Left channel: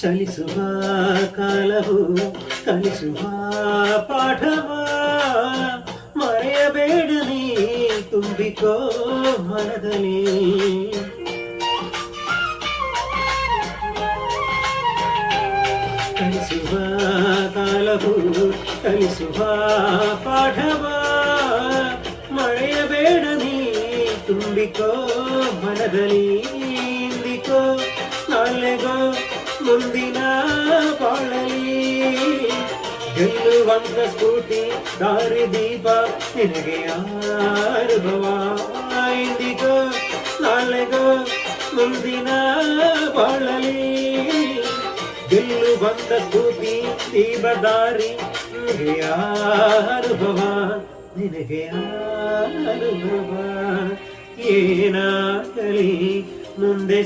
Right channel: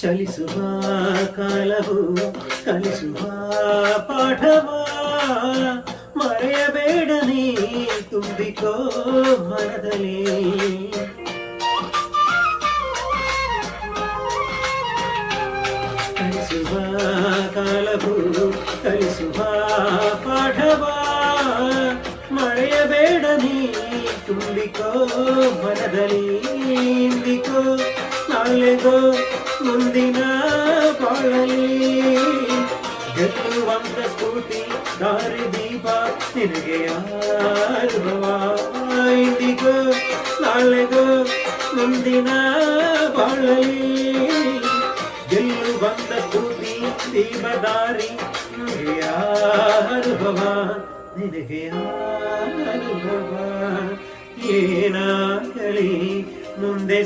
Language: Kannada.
ಚಲಿಸುವ ಕಾಲವು ಕಲಿಸುವ ಪಾಠವ ಮರೆಯಬೇಡ ನೀ ತುಂಬಿಕೋ ಮನದಲ್ಲಿ. ಕಲಿಸುವ ಕಾಲವು ಕಲಿಸುವ ಪಾಠವ ಮರೆಯಬೇಡ ನೀ ತುಂಬಿಕೋ ಮನದಲ್ಲಿ. ಇಂದಿಕೋ ನಾಳೆಗೋ ಮುಂದಿನ ಬಾಳಲಿ ಗೆಲ್ಲುವಂತ ಸ್ಫೂರ್ತಿ ದಾರಿದೀಪ ನಿನಗೆ ಅನುಭವ. ಇಂದಿಗೋ ನಾಳೆಗೋ ಮುಂದಿನ ಬಾಳಲಿ ಗೆಲ್ಲುವಂತ ಸ್ಫೂರ್ತಿ ದೀಪ ದಾರಿ ನಿನಗೆ ಅನುಭವ ನಿನಗೆ ಅನುಭವ. ಏನಾಗಲಿ ಮುಂದೆ